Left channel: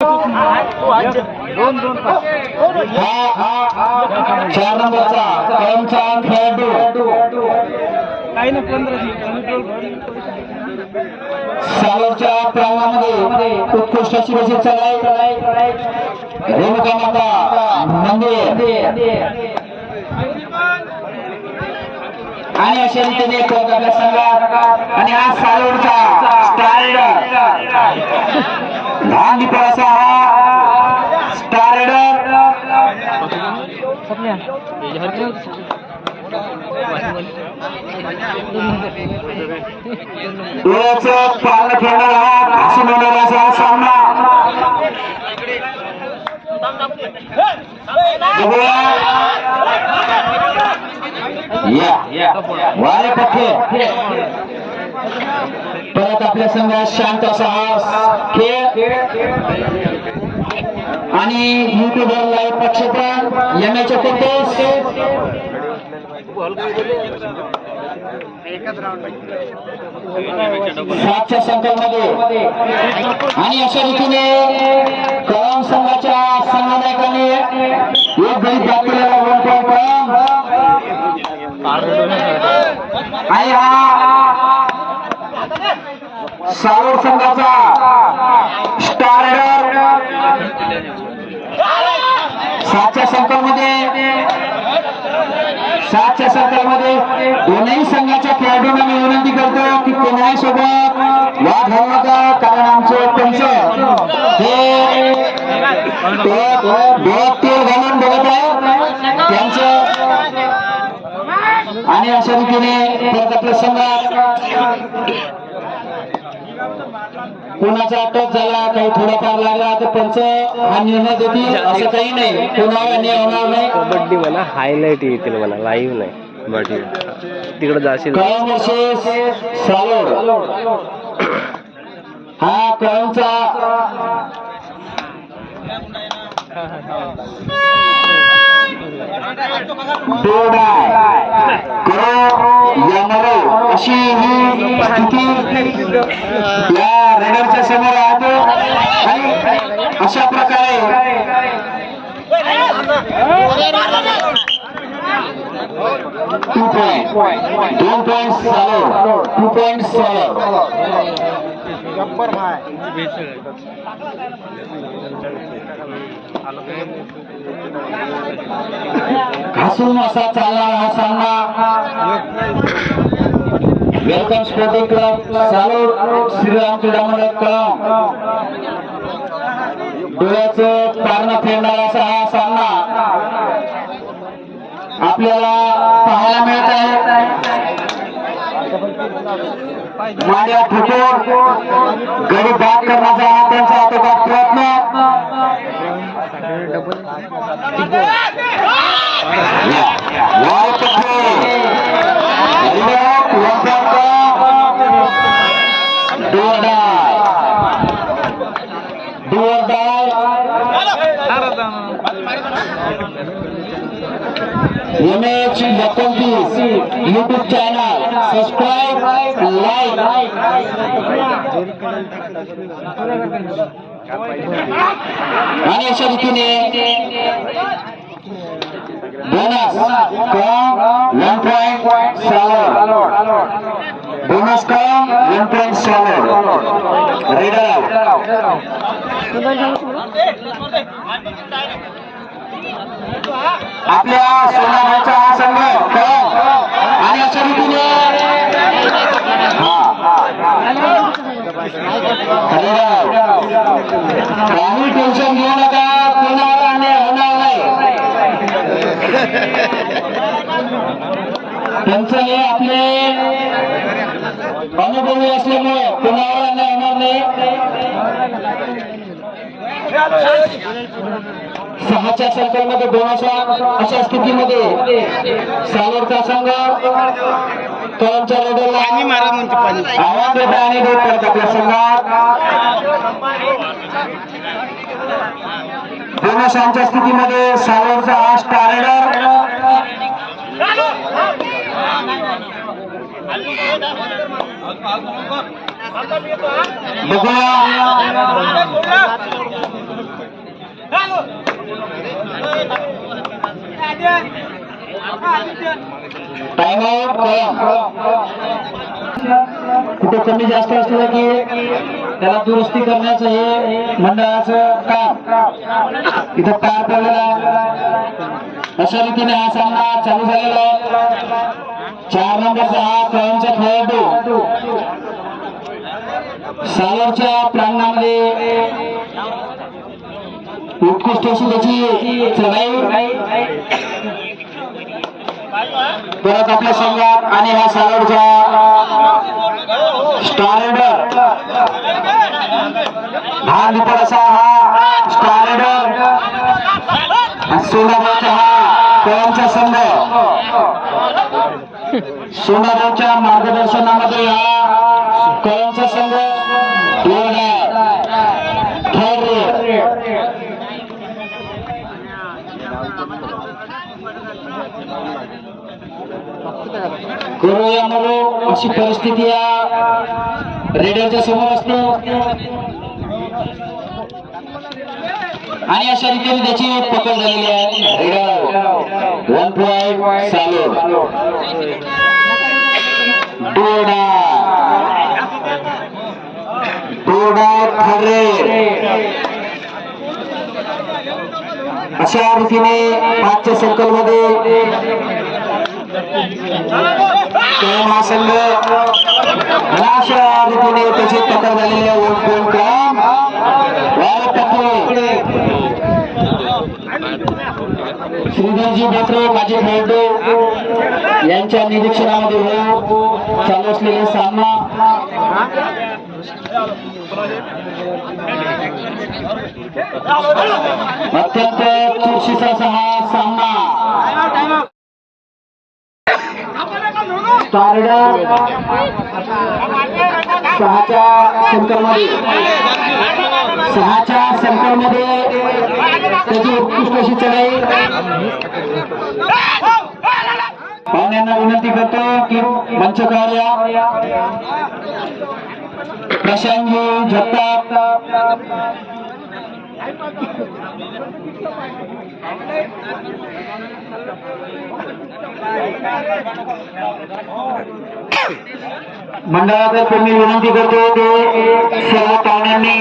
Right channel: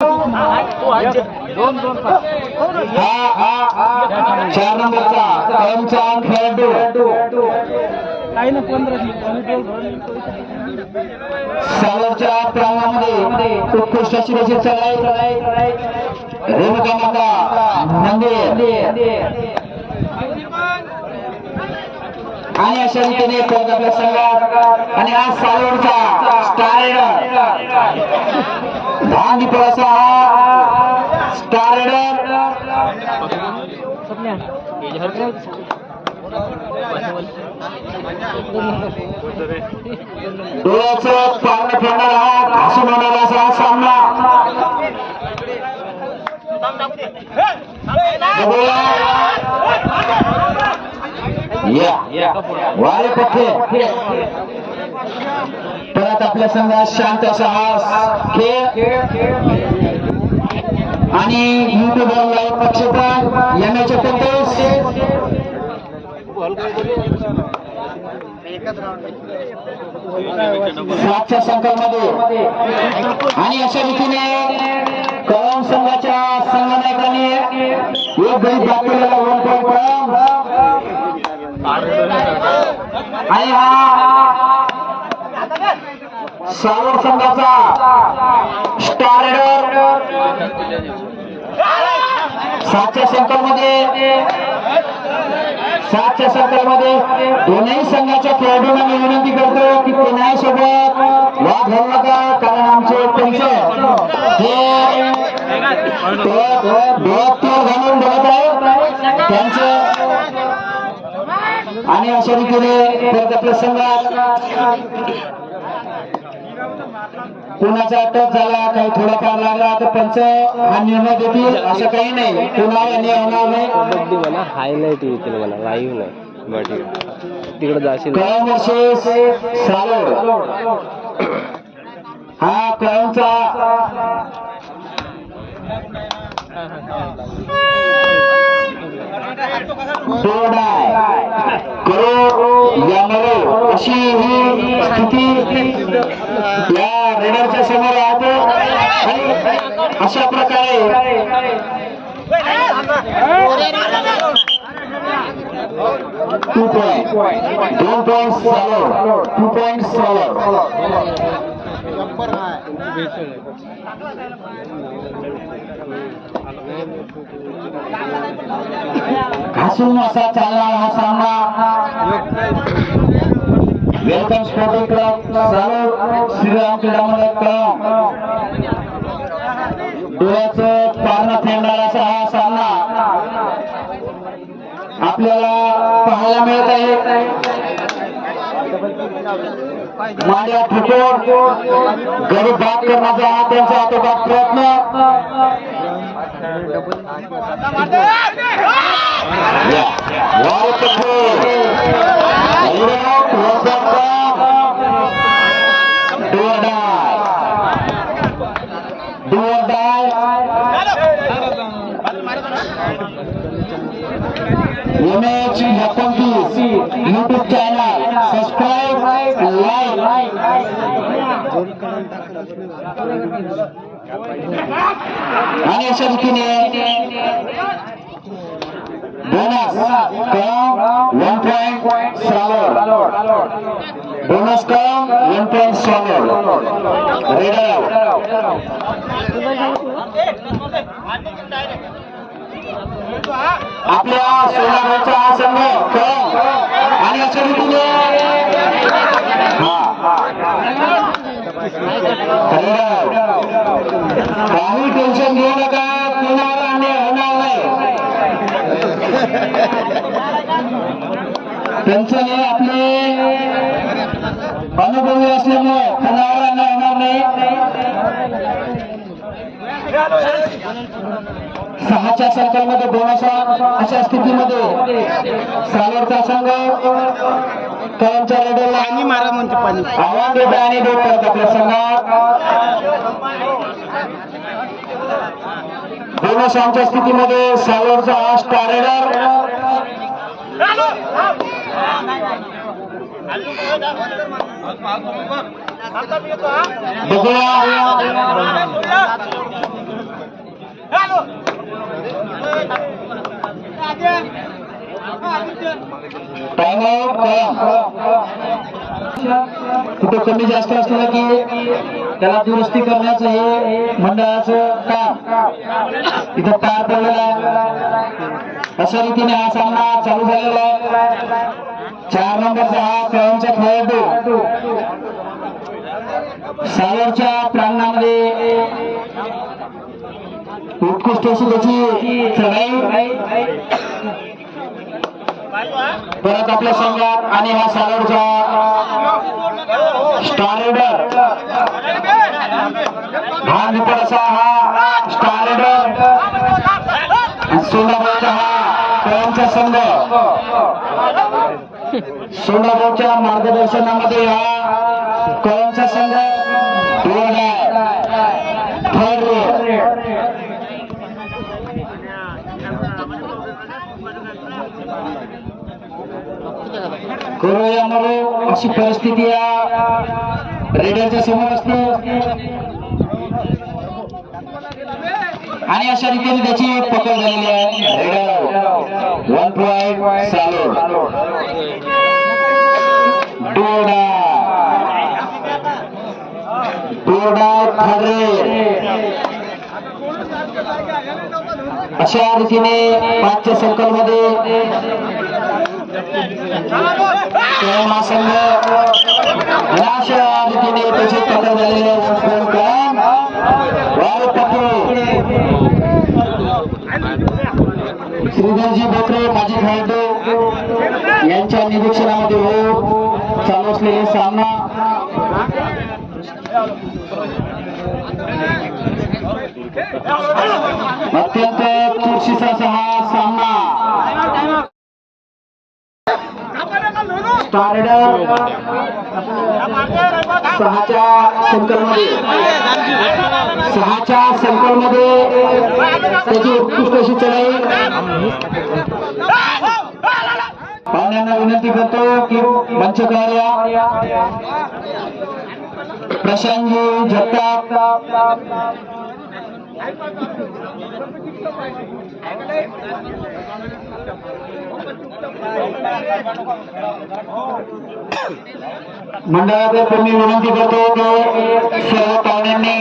चार नंबरचा कळमचा खेळाडू सालोरच्या प्रवाहामध्ये उत्कृष्ट अशी रशीद चढाई रेणुका माता मंदिर आणि अशा रीतीने आपल्या संघात आणि हा सालोरचा स्टार रेडर लहान दीपाचा हा स्टार रेडर पालन खेळणारा हा घासून होणारा असा सामना वारे पक्के परत आपल्या संघात शांत साहस खेळ आणि युट्यूबवर लाईव्ह प्रक्षेपण एमएच 29 7च्या संघामध्ये आणि अशा रीतीने कळम संघाच्या संघनायकाने एक गडी बॅक केलेला 1 पॉईंट आणि हा सालोर संघाचा स्टार रेडर 7च्या संघामध्ये दोन्ही संघाच्या खेळाडूंना मी विनंती करतो की कोणाही सोबत वाद घालू नका, कारण आमचे पंच हे तेल घालून बघत आहेत त्यांचे आणि अशा रीतीने आपल्या संघात कोणाचा टच झाला, काही थोडाफार लागला तर पंच हा निर्णय देतील, असं काही नाही. कोणावर अन्याय होणार नाही. कबड्डी म्हणा हायलाइट येतील म्हणा, लाईव्ह नाही. बट तिकडे जाशील कळम वर्सेस सालोर हा कळमचा बोर्ड आहे. अशी ही स्थिती या रेडरच्या समोर राहते. अशा प्रकारे 2 पॉइंट 2 पॉइंट सालोर 2 पॉइंट सालोर घासून असा चालला हा सामना. वेलकम स्पोर्टिंग क्लब सालोर श्रीराम क्रीडा मंडळ कळम डोळ्याचं पारणं फेडणारा असा हा सामना आपल्याला पाहायला मिळत आहे. मांड्या ठोकून गडी बॅक करण्याचा हा त्यांचा आटोकाट प्रयत्न. MH 29 YouTube channel subscribe like आणि अशा रीतीने bonus 1 point Salor bonus 1 point Salor raider आपल्या संघाचा हा संघ आणि अशा रीतीने काही टेन्शन घेऊ नका, कोणाला अन्याय होणार नाही. त्यांचं हे आपले अनुभवी असल्यामुळे कोणावर अन्याय होणार नाही. 6च्या संघामध्ये बोनसा अशा स्थितीमध्ये सालोरचा संघ कळमच्या रेडरला आव्हान देत आणि देत आहेत आपल्या संघात. बोनसांच्या स्थितीमध्ये सालोरचा हा स्टार रेडर बघूया कुठं कमी जास्त असलं की त्याला दुरुस्ती करण्याचं हे मंडळाचं काम इथं पार पडलेला. अशा रीतीने हा सामना चालू झालेला आहे. 4 नंबरचा हा कळंबचा खेळाडू सावरच्या प्रांगणामध्ये उत्कृष्ट अशी त्याची चढाई परत आपल्या संघात आणि हा सावरचा स्टार रेडर हा मित्र असा हा स्टार रेडर सोनाबाईचा हा कळंबचा संघ सोनाबाईच्या मार्गदर्शनामध्ये हा कळंबचा संघ करूया मरो अशी परिस्थिती या रेडरच्या समोर असते आणि अशा रीतीने त्याची पकड झालेली आहे. रेडर 1 पॉइंट चालू अशा रीतीने आजच्या सर्कल मध्ये संघ अशा रीतीने त्याची पकड झालेली आहे. श्रीधरजी बोत्रे माजी खेळाडू यांच्या निरीक्षणामध्ये चालू असलेले सामना अत्यंत चुरशीचा असा हा सामना. सहाच्या संकलमध्ये त्याची उत्कृष्ट अशी चढाई. पाहुण्यांना विनंती करतो की मंचकार्य प्रशांतजी जगताप मंडळातर्फे मी विनंती करतो की सर्व पाहुण्यांनी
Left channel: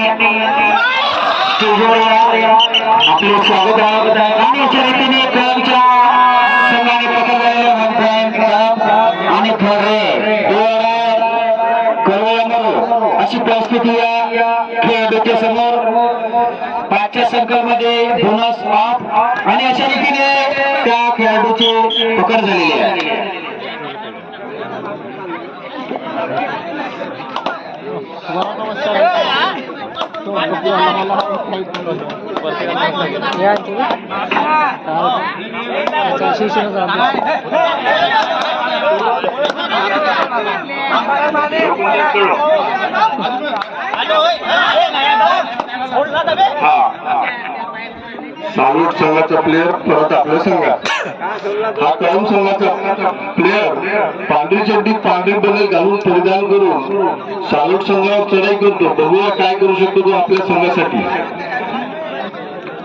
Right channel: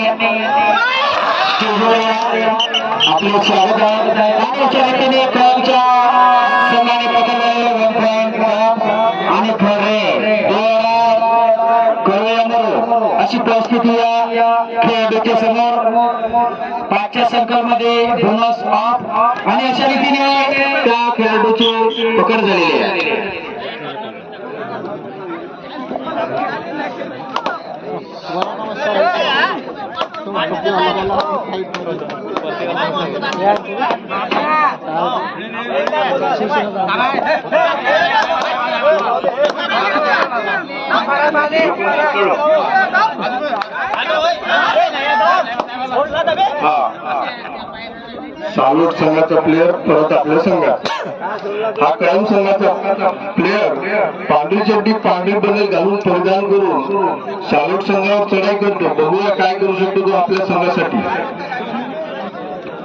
आपले स्वागत आहे आणि याच्या वतीने कळंबच्या संघाने आणि अशी परिस्थिती या खेळाडूच्या समोर 5च्या सर्कलमध्ये बोनस ऑफ आणि अशा रीतीने त्या खेळाडूची पकड झालेली आहे. सालूट संघाचा प्लेअर परत आपल्या संघात. हा कळंब संघाचा प्लेअर पांढरी चड्डी पांढरी बनेल घालून परिधान करून सालूट संघावर चढाई करतो. बघूया काय करू शकतो तो आपल्या संघासाठी.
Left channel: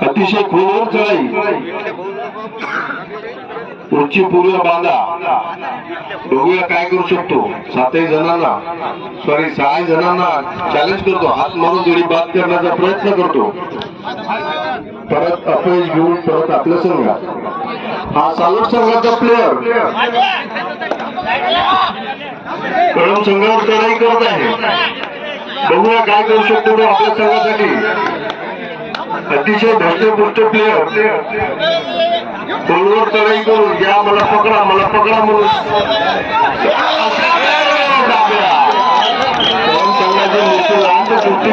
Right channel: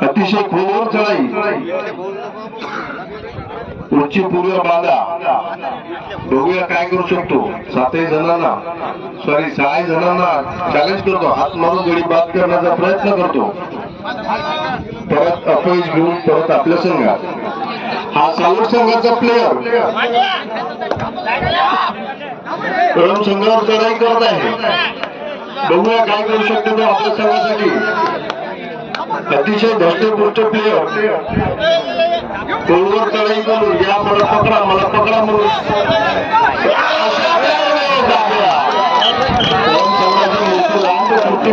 अतिशय खोलवर चढाई, उंची पूर्व बांधा. बघूया काय करू शकतो. 6 जणांना चॅलेंज करतो. हात मारून गडी बाद करण्याचा प्रयत्न करतो. परत अपयश घेऊन परत आपल्या संघात. हा सालूट संघाचा प्लेअर कळंब संघावर चढाई करत आहे. बघूया काय करू शकतो तो आपल्या संघासाठी. अतिशय धष्टपुष्ट प्लेअर कोलवर चढाई करून या मला पकडा म्हणून संघाचा मोठी लांब सुट्टी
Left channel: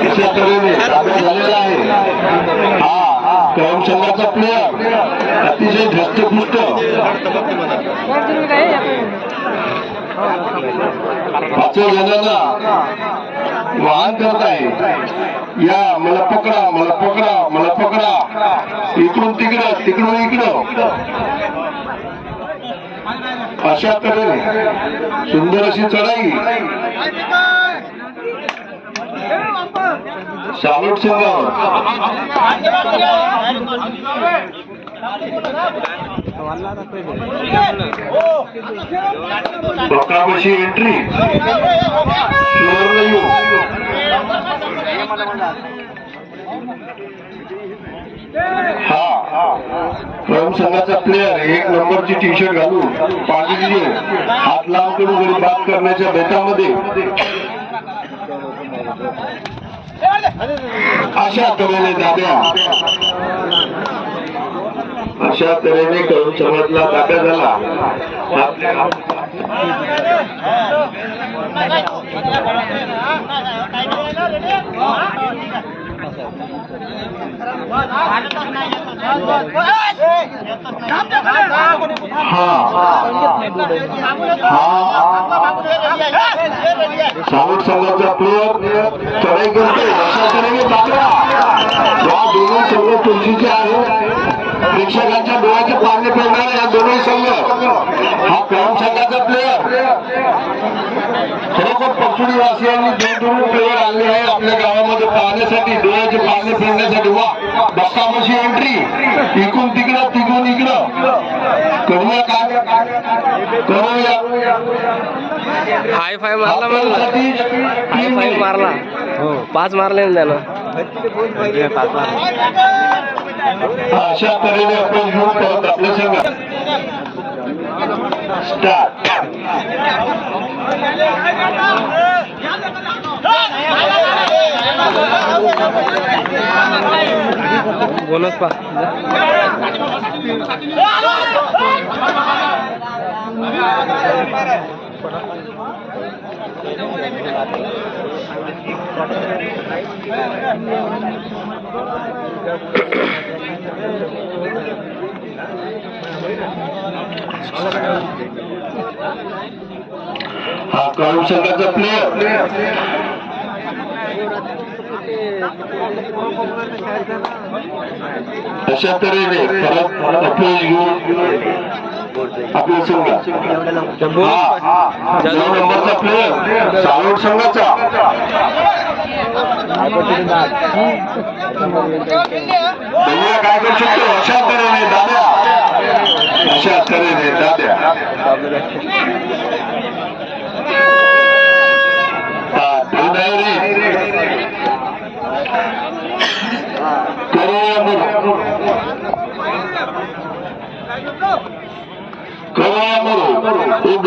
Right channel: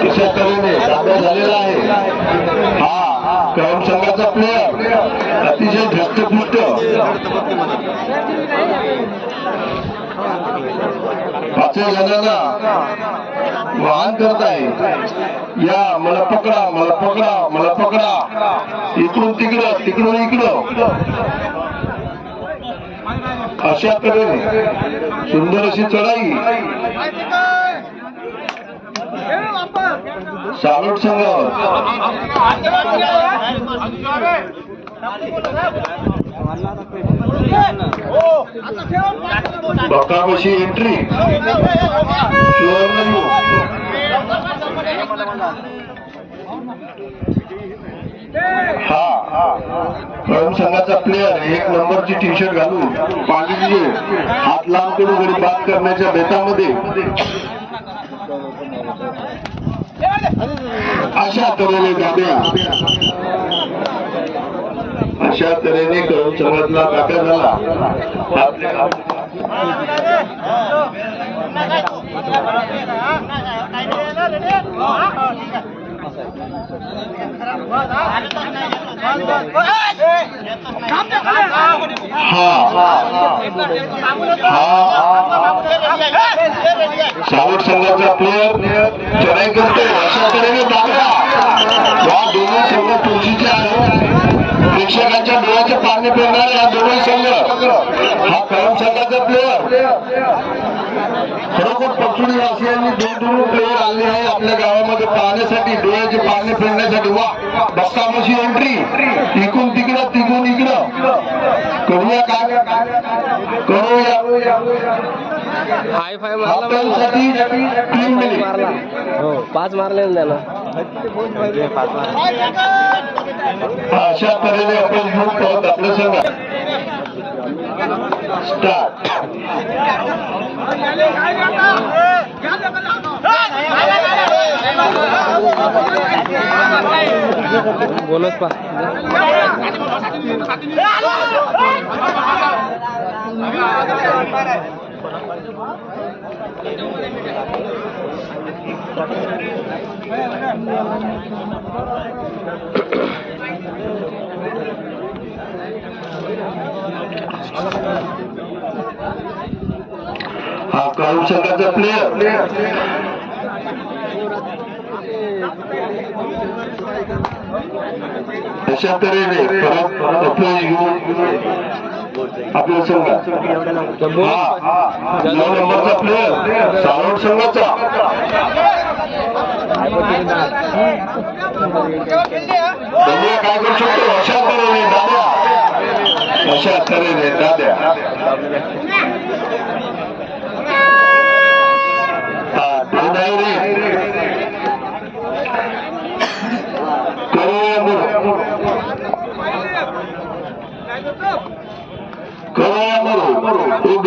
तिच्या तऱ्हेने ताब्यात झालेला आहे. हा कळंब संघाचा प्लेअर अतिशय धष्टपुष्ट 5 जणांना वाहन करत आहे. या मला पकडा इकडून तिकडं अशा तऱ्हेने सुंदर अशी चढाई. सालोट संघावर बक्काबशी एंट्री कळम संघाचा प्लेअर 1 नंबरची टी शर्ट घालून पाठीचे हात लांब करून गडी बाद करण्याच्या बेतामध्ये अशा तऱ्हेने दाब्या अशा तऱ्हेने कळम संघातला दाब्या झाला. सालोट संघाचा प्लेअर चढाई करतोय अशा तऱ्हेने दाब्या. या दोन्ही संघ तुळशीचे आहेत. प्रेक्षकांच्या डोळ्याचे पाणी फिरणारे या दोन्ही संघ. हा कळम संघाचा प्लेअर खरोखर परसुडी वासियांनी दूर प्लेअर आले आहे आपल्या गावामध्ये पाहण्यासाठी, डोळ्याचे पाणी फिरण्यासाठी. वा बक्काबशी एंट्री इकडून तिकडं तिकडून इकडं करूया काय करूया. हाय फाय मारला मारला हो 5 मारले ना त्यानं. अशा तऱ्हेने आपण घेऊन परत आपल्या संघात बोनस पा हा कळम संघाचा प्लेअर अशा तऱ्हेने परत अपयश घेऊन आपल्या संघात 9 नंबरचा प्लेअर सालोट संघाचा. भैया काय करू शकतो अशा तऱ्हेने दाद्या अशा तऱ्हेने दाद्या.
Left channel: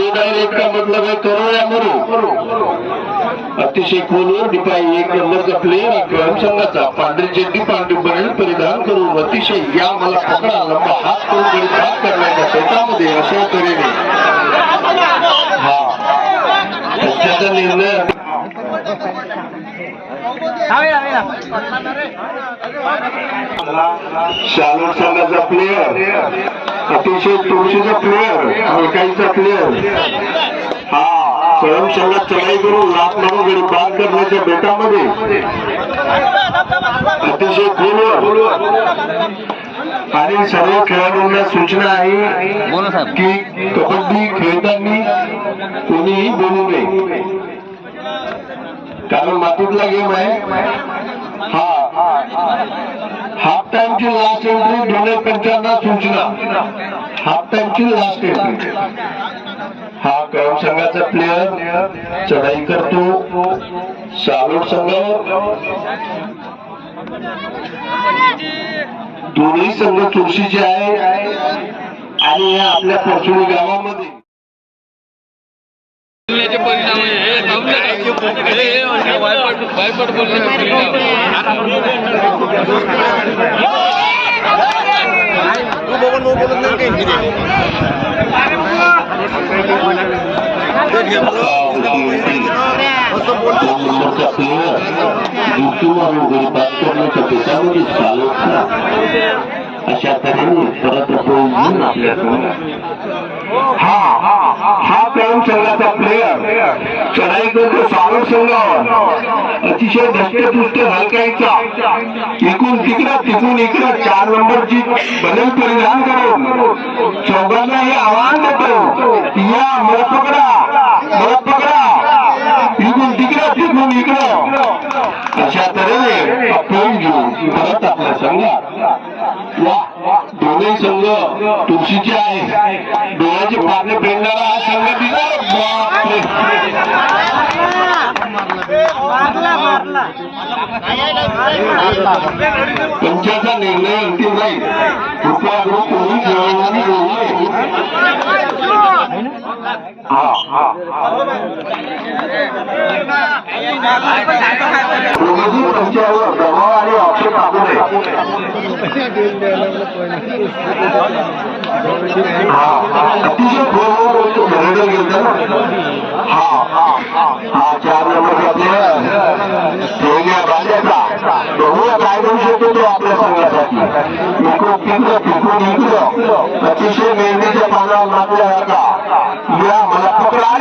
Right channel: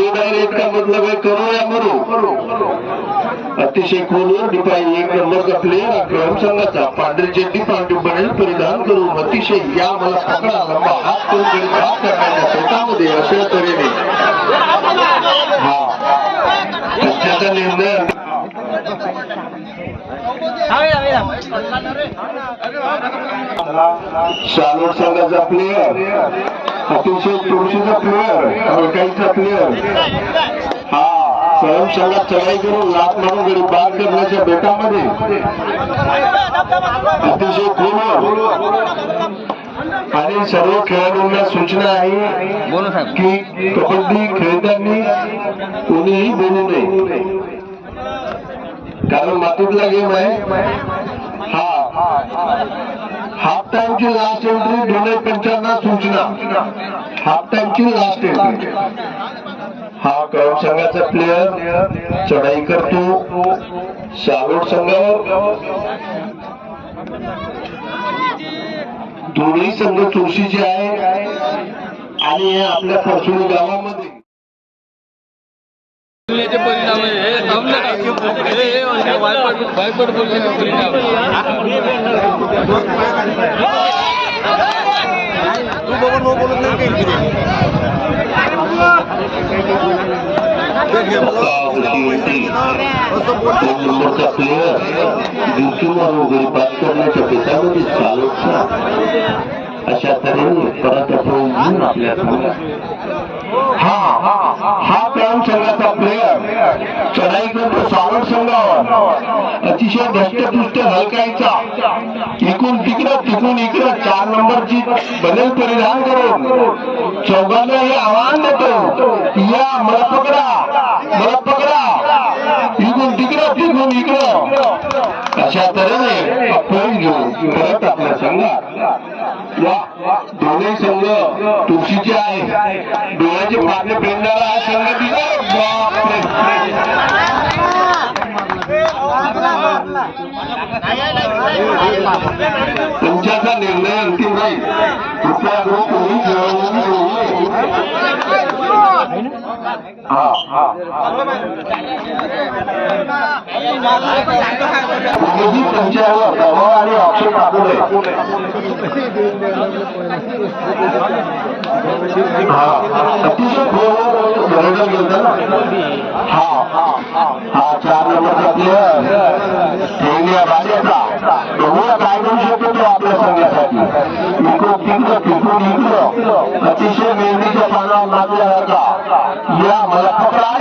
डायरेक्ट का मतलब है करो या मरो. अतिशय खोलून डिपाई 1 नंबरचा प्लेअर कळम संघाचा पांढरी चड्डी पांढरी बनेल परिधान करून अतिशय या मला पकडा लंबा हात करून गडी बाद करण्याच्या शेतामध्ये अशा तऱ्हेने त्याचा निर्णय. सालोट संघाचा प्लेअर अतिशय तुळशीचा प्लेअर आणि इकाईचा प्लेअर हा कळम संघात चढाई करून लाट मारून गडी बाद करण्याच्या बेटामध्ये अतिशय खोल. आणि सर्व खेळाडूंना सूचना आहे की कबड्डी खेळताना कोणीही बोलू नये, कारण मातीतला गेम आहे. हाफ टाइमची लास्ट एंट्री 2:55 सूचना. हाफ टाइमची लास्ट एंट्री. हा कळम संघाचा प्लेअर चढाई करतो सालोट संघावर. दोन्ही संघ तुळशीचे आहे आणि हे आपल्या परसुडी गावामध्ये प्लेअर बाद करण्याच्या बेतामध्ये सालोटचा अशा तऱ्हेने परत घेऊन आपल्या हा कळम संघाचा प्लेअर चढाई करतो सालोट संघावर. अतिशय धष्टपुष्ट हलकायचा इकडून तिकडं इकडं 4 नंबरची बनेल परिधान करून चौघांना हे आव्हान देतो, या मला पकडा इकडून तिकडं इकडं अशा तऱ्हेने प्राइज घेऊन परत आपल्या संघात वा दोन्ही संघ तुळशीचे आहे. डोळ्याचे पारणे पेरणारा हा संघ दिला. पंचाचा निर्णय अंतिम राहील. कृपया कोणी जवळ कोणीही पंचावर दबाव आणि आक्षेप टाकू नये. अतिशय जनरेटर गेलं हा 4 नंबरचा प्लेअर ठेवल्या बांधायचा बघूया काय करू शकतो तो आपल्या संघासाठी. इकडं अतिशय मेहनतीच्या पानावर नाचल्यासारखा या मला पकडा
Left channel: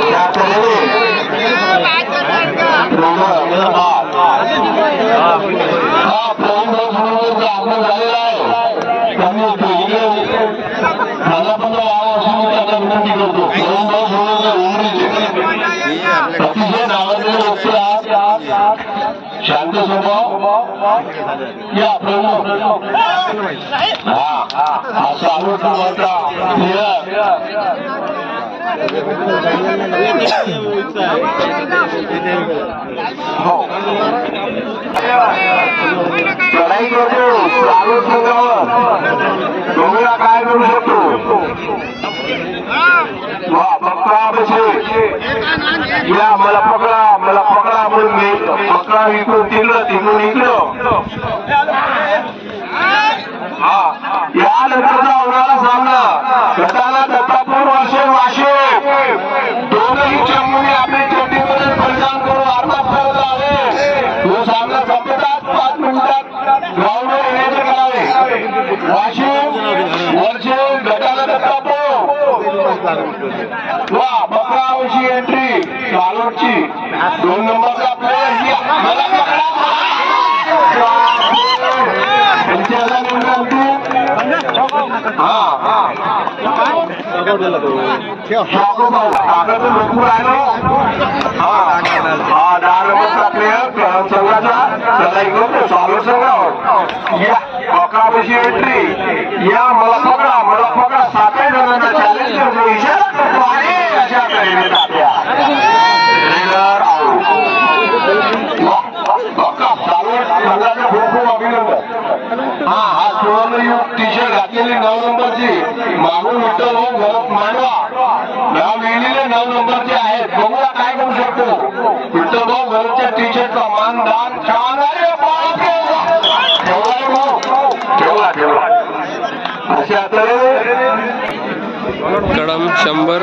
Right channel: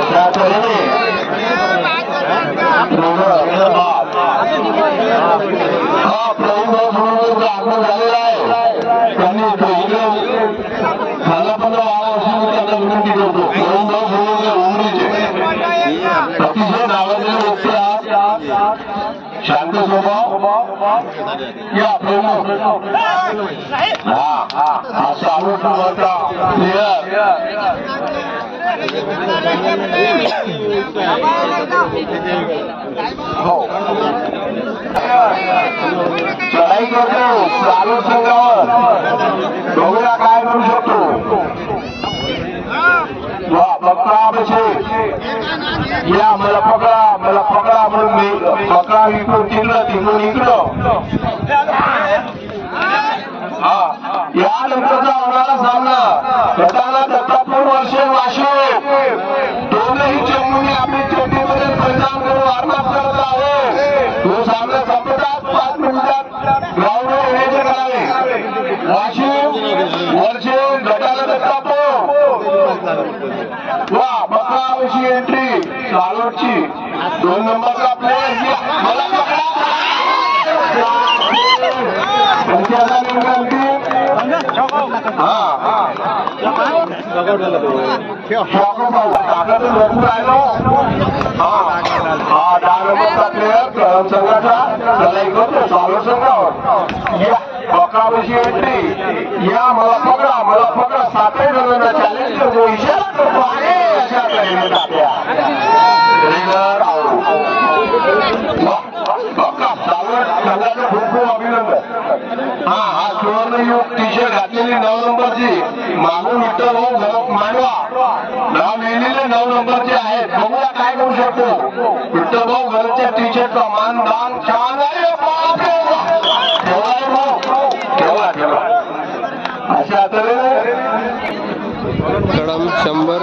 त्या तऱ्हेने हा प्रवीण आगमन झालेला आहे. त्यांनी खाना पण त्यांना विनंती करतो. प्रवीण उमरीचे अतिशय नावाजलेले व्यक्ती आज शांत स्वभाव या प्रवीण हा सावट नंबरचा प्लेअर हो चढाई करतो चालू संघावर बघूया काय करू शकतो. बकरा बसे या मला पकडा म्हणून मी बकरा विकून तिकडून इकडं. या नंतरचा होणारा सामना गटाला दत्तापूर वाशे दोनही चमूने आपली चोटीवरून परिधान करून आत्मसात करत आहे. तो सामना संपतात 5 मिनिटात ग्राउंडवर येण्याचे करावे. वर्षे गटाला दत्तापूर वा बकरावशी एंट्री चालोटची 2 नंबरचा प्लेअर मला पकडा. पंचायत भरपूर आहे. 10 नंबरचा प्लेअर संघाच्या त्याला इकडे स्वागत संघावर या बकरावशी एंट्री या मला पकडा 7 जणांना चॅलेंज करतो. इशारा करतो आणि अशा तऱ्हेने आपल्या संघाचं खूप अभिनंदन. हा सुवर्णयुग टी शर्ट घातलेली 9 नंबरची मागून विठ्ठल मांडवा नाव लिहिलेले 9 नंबरचे आहेत. बघूया काय करू शकतो. विठ्ठल घरच्या टी शर्टचा मानदान छान आहे. ठेवला अशा तऱ्हेने कडम 100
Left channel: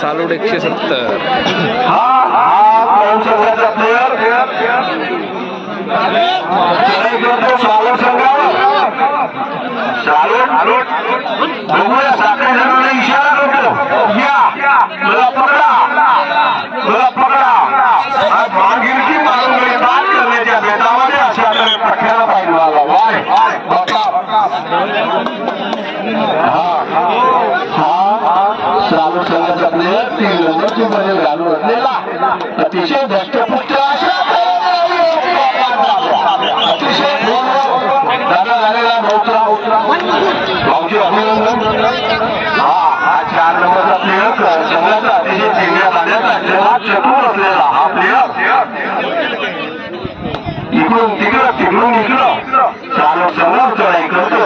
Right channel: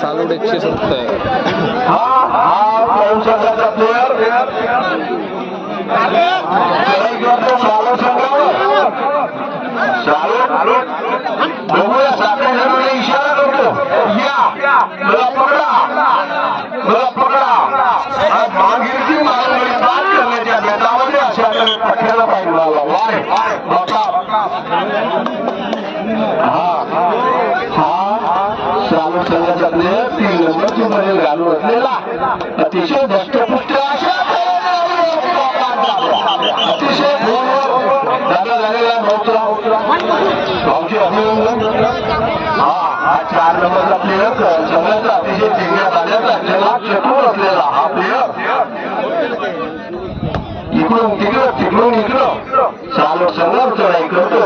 सालूड 170. संघाचा प्लेअर बघूया 7 जणांना इशारा करतो. या मला पकडा मागिरकी दाद करण्याच्या बेतामध्ये अशा पठ्याला पाहिजे मला श्रावण संघाचा प्लेअर 3 नंबरची मध्ये घालून असलेला अतिशय धष्टपुष्ट अशा अतिशय दादा झालेला भाऊची अभिनंदन. हा 4 नंबरचा प्लेअर संघाचा अतिशय ठेवल्या पाण्याचा जगात चतुर असलेला हा प्लेअर इकडून इकडं चालू संघ चढाई करतो.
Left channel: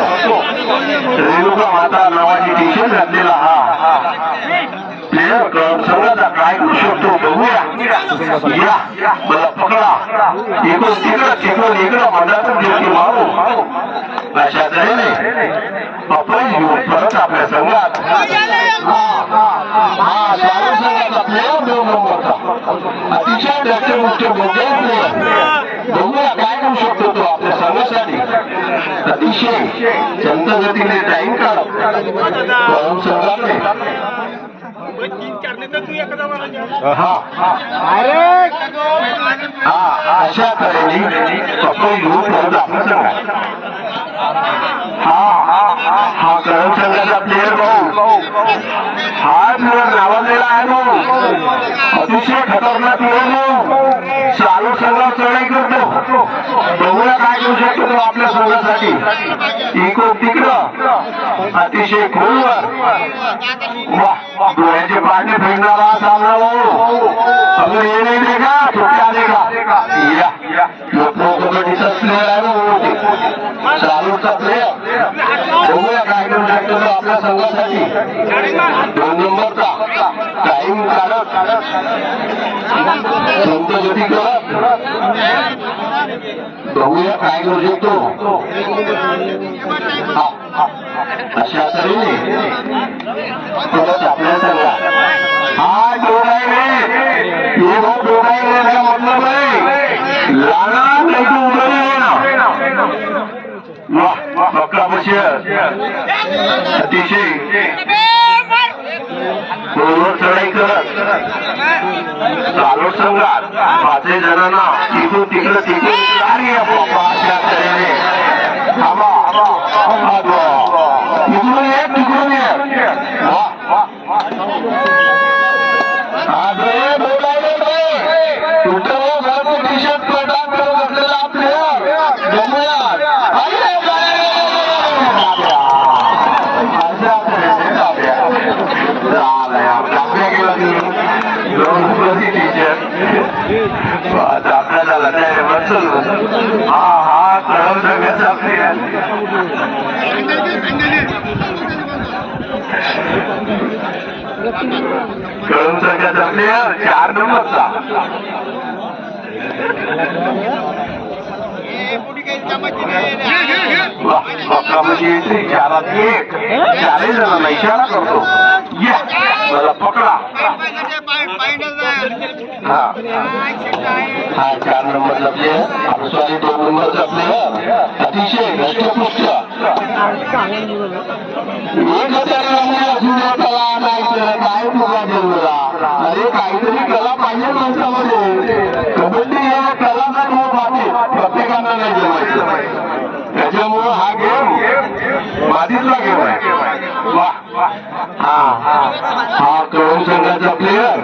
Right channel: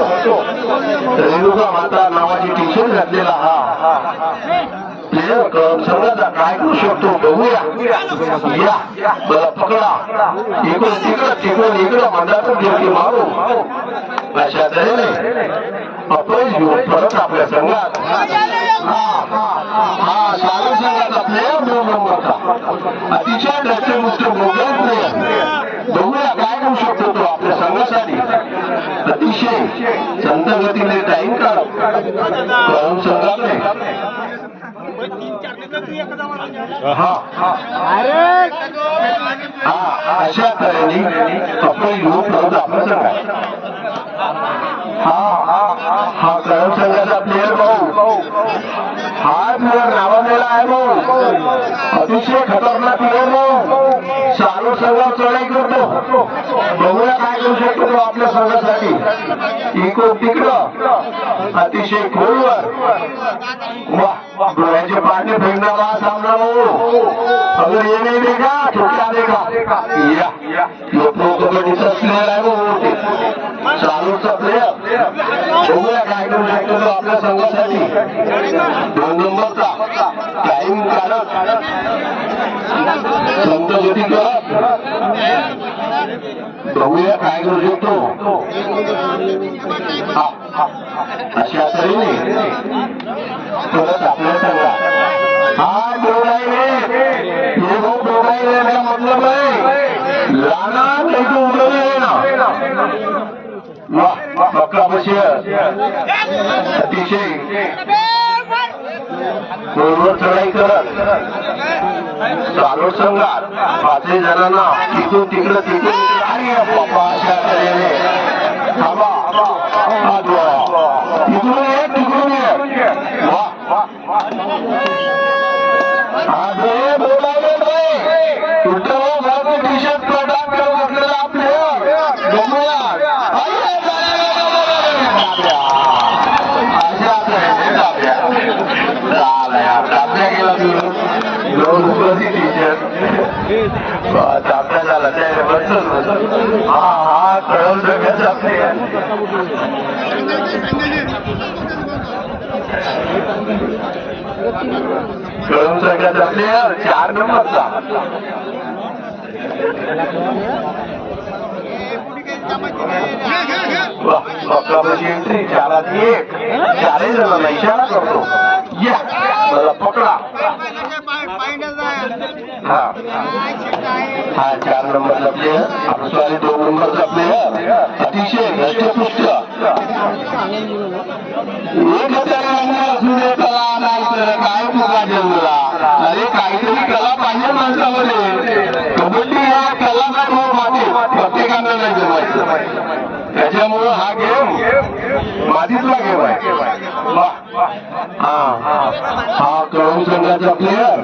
रेणुका माता नावाची टी शर्ट घातलेला हा प्लेअर संघाचा काय करू शकतो बघूया. या मला पकडा इकडून इकडं मंदातून गिरकी मारू अशा तऱ्हेने अपयश घेऊन परत आपल्या संघात हा चालू संघाचा प्लेअर 9 नंबरचा अतिशय दष्टपुष्ट बोगस प्लेअर. बघूया काय करू शकतो तो आपल्या संघासाठी. अतिशय संत गतीने टाईम काढत संघाने अशा तऱ्हेने अपयश घेऊन परत आपल्या संघात. हा करण संघाचा प्लेअर भाऊ हा प्लेअर नावाजलेला आहे भाऊ. अतिशय खतरनाक प्लेअर भाऊ. चालू संघ बघूया काय करू शकतो तो आपल्या संघासाठी. इकडं तिकडं अतिशय खोलवर वा डोळ्याचे पाणी फेडणारा सामना अगर ये नाही देगा तो क्या देगा. या लोकनो कबड्डीचा प्लेअर आहे चालूचा प्लेअर. बघूया काय करू शकतो तो आपल्या संघासाठी. 2 नंबरचा टाइम काढत संत गती करत बघूया काय करू शकतो. अशा तऱ्हेने परत आपल्या संघात हा डोळाईने ये वो डोळाईने का मतलब है लाना नहीं उभे ना वाह पक्का बशीर अतिशय गोलवर चढाई करत चालू संघात 5 जणांना तिकडून तिकडं अरे बाबा अशा तऱ्हेने थांबा तिकडून एक तिकडून एक वा अरे बोलायला कुठं घरचं टी शर्ट प्रदान करत असलेला प्लेअर बघूया झाला हा कळून सगळ्याचा प्लेअर कळून सगळ्याचा प्लेअर 4 नंबरचा एंट्री 4-1 4 जणांना इशारा करतो. या मला पकडा. हा 4 नंबरचा प्लेअर आपसवाली 2 नंबरचा प्लेअर अतिशय घष्टपुष्ट एक असू दे कला नाही तर काय तुला जन्मला. अरे काहीतरी कला पाहिजे माणसामध्ये. कबड्डी हा कलाकार प्रत्येकांना नाही जमायचं. त्याच्यामुळं हा गेम माझीतला गेम आहे. हा कळून संघाचा प्लेअर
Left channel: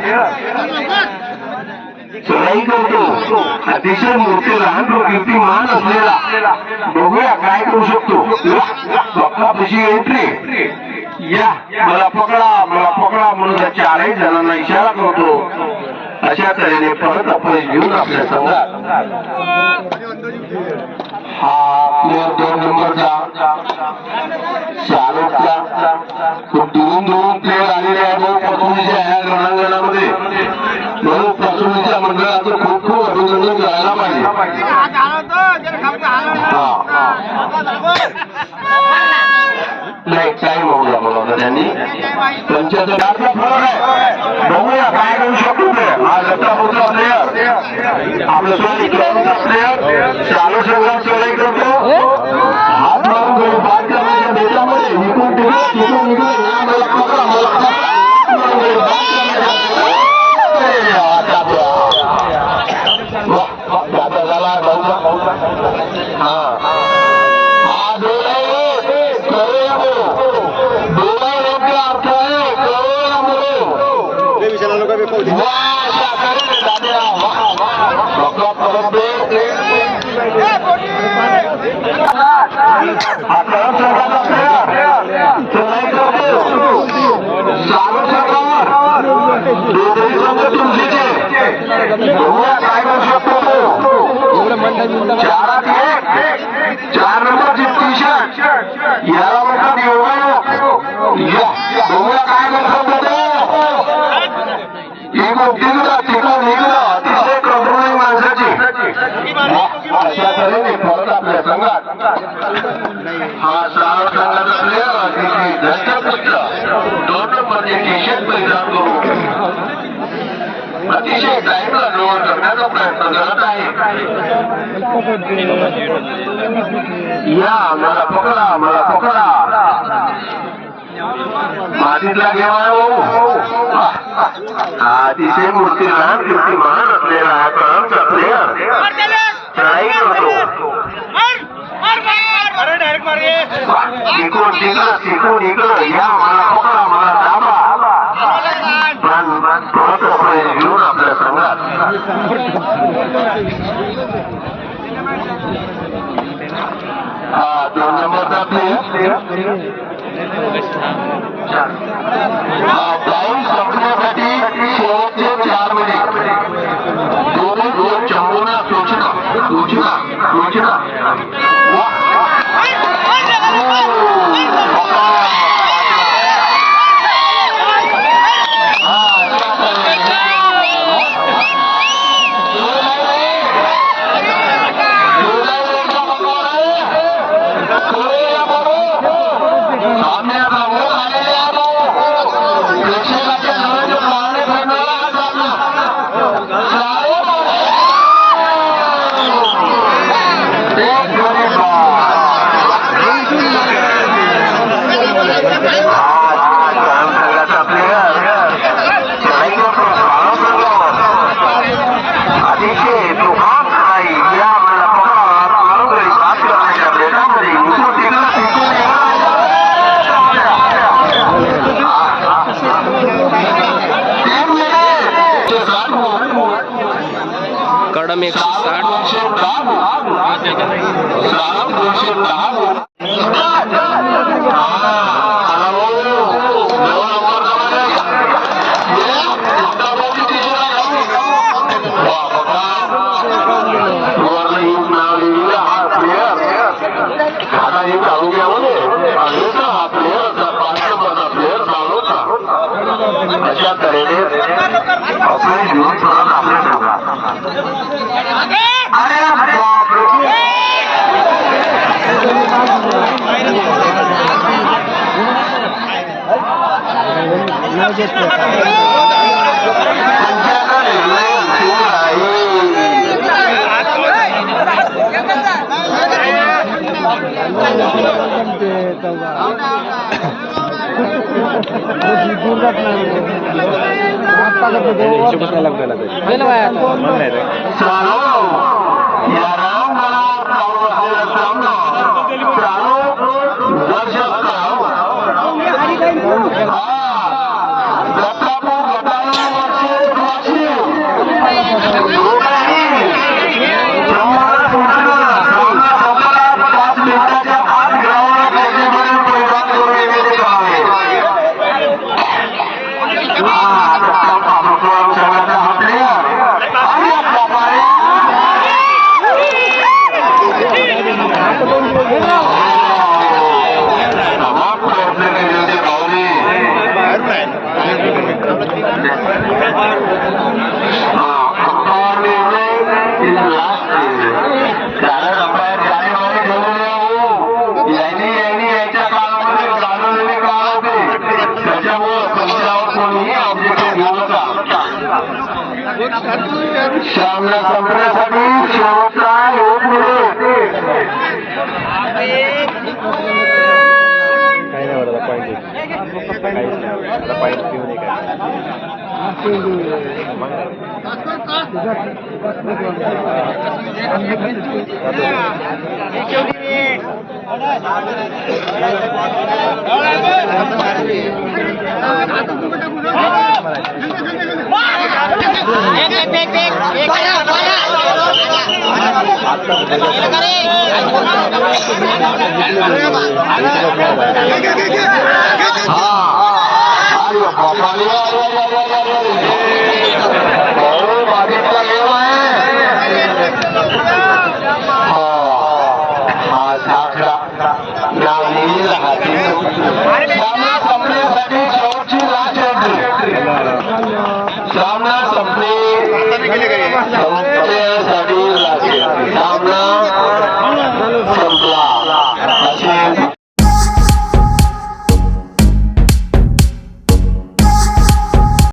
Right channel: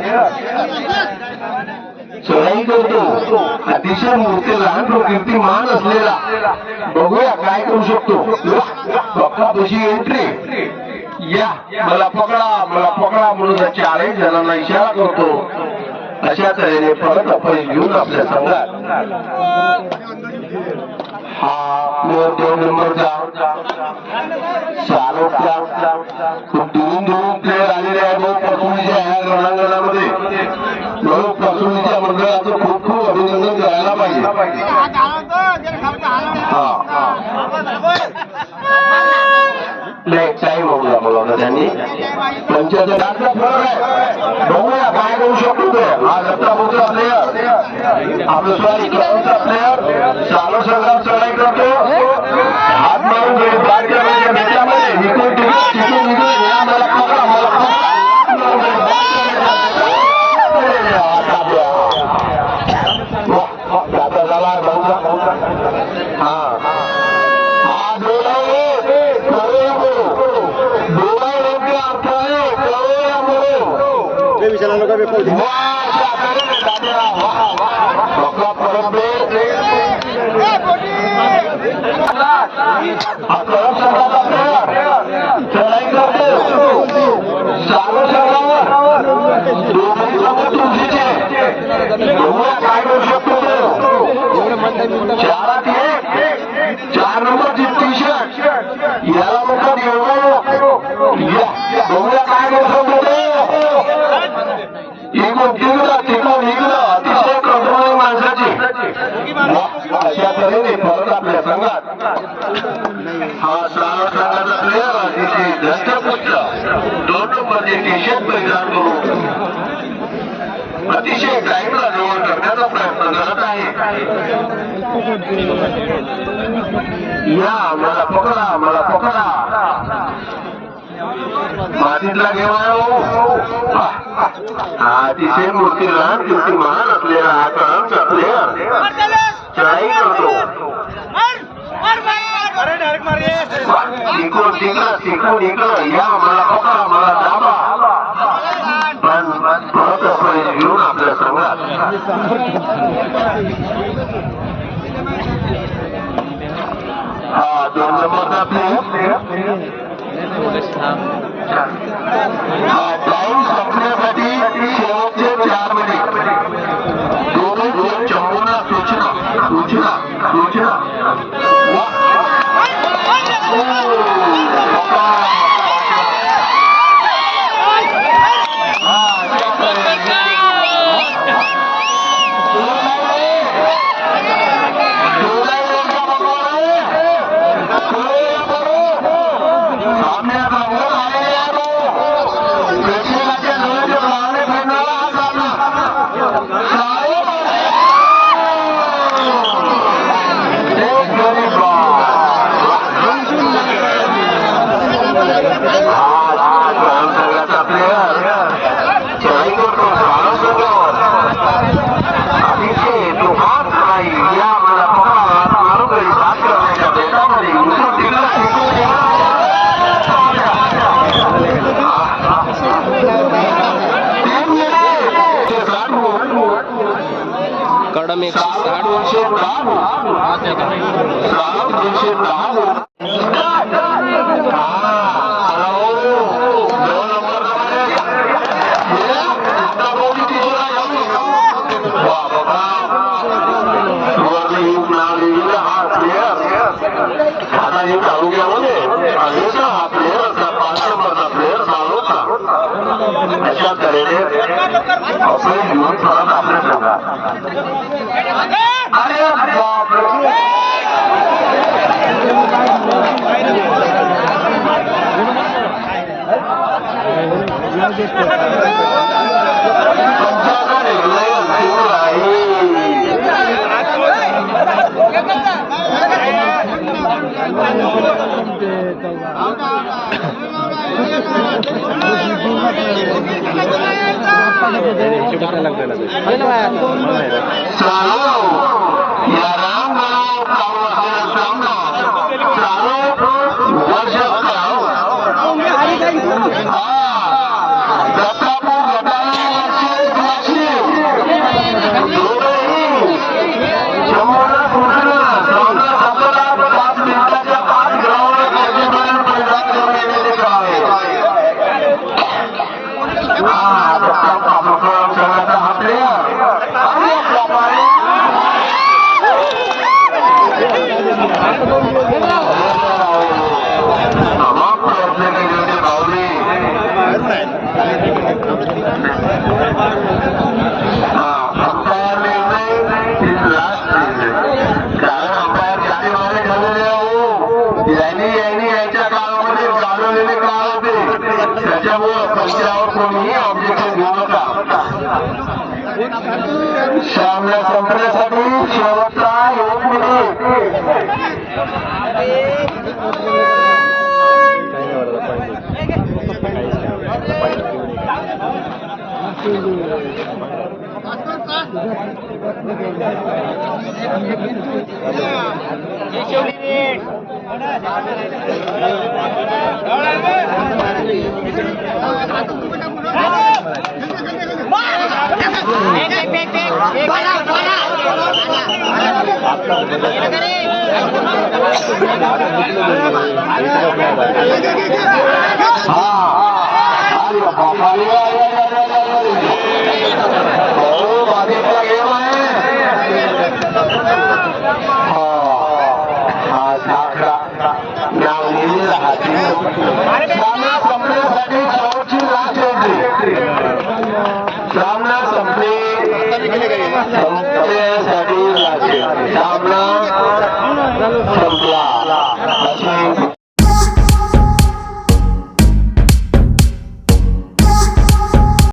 चढाई करतो अतिशय मूर्ती लहान कीर्तिमान असलेला. बघूया काय करू शकतो. पक्कापशी एंट्री या मला पकडा म्हणून 4 जणांना इशारा करतो. अशा तऱ्हेने परत आपण घेऊन आपल्या संघात हा प्लेअर 2 नंबरचा शाहरुखचा खूप दुरून प्लेअर आलेले आहे. भाऊ प्रसूनीच्या ह्या रणांगणामध्ये म्हणून प्रसूनीच्या मंडळाचं खूप खूप अभिनंदन करायला पाहिजे. नाही टाइम होऊन मला होता त्यांनी 75 बघूया काय करू शकतो ते. हा लक्षापूरचा प्लेअर आपलं प्लेअर चालू संघात चढाई करतो. हात मारून भारतीय बेटामध्ये इकडून तिकडून निघून या मला पकडा आता झाला हा डोळा अर्थ आहे काय करू शकतो. 4 नंबरची टी शर्ट याला म्हणतात योगा. काय करू शकतो. तिकडून निघलं अतिशय प्रभुमय माणसाची. अशा तऱ्हेने परत आपल्या संघात हा 6 संघाचा प्लेअर अतिशय दष्टपुष्ट 2 नंबरचे टी शर्ट परिधान करून अतिशय टाईमला जवळ करण्याचा प्रयत्न करत आहे. या मला पकडा मातीतला घेवा हा अतिशय मूर्ती लहान कीर्तिमान असलेला हा कळमचा प्लेअर चढाई करतो. शिकून इकडं या मला पकडा मला दाबा. घेऊन आपल्या संघात हा 2 नंबरचा प्लेयर जाऊन संपण्यासाठी शेवटचे 4 मिनिट दोन चंबूना सूचना कडम 160 अशा तऱ्हेने आपले जीवन चालत सामना संपण्यासाठी शेवटचा 1 मिनिट सामना संपण्यासाठी शेवटची लाच होती. सामना संपण्यासाठी सामना संपला.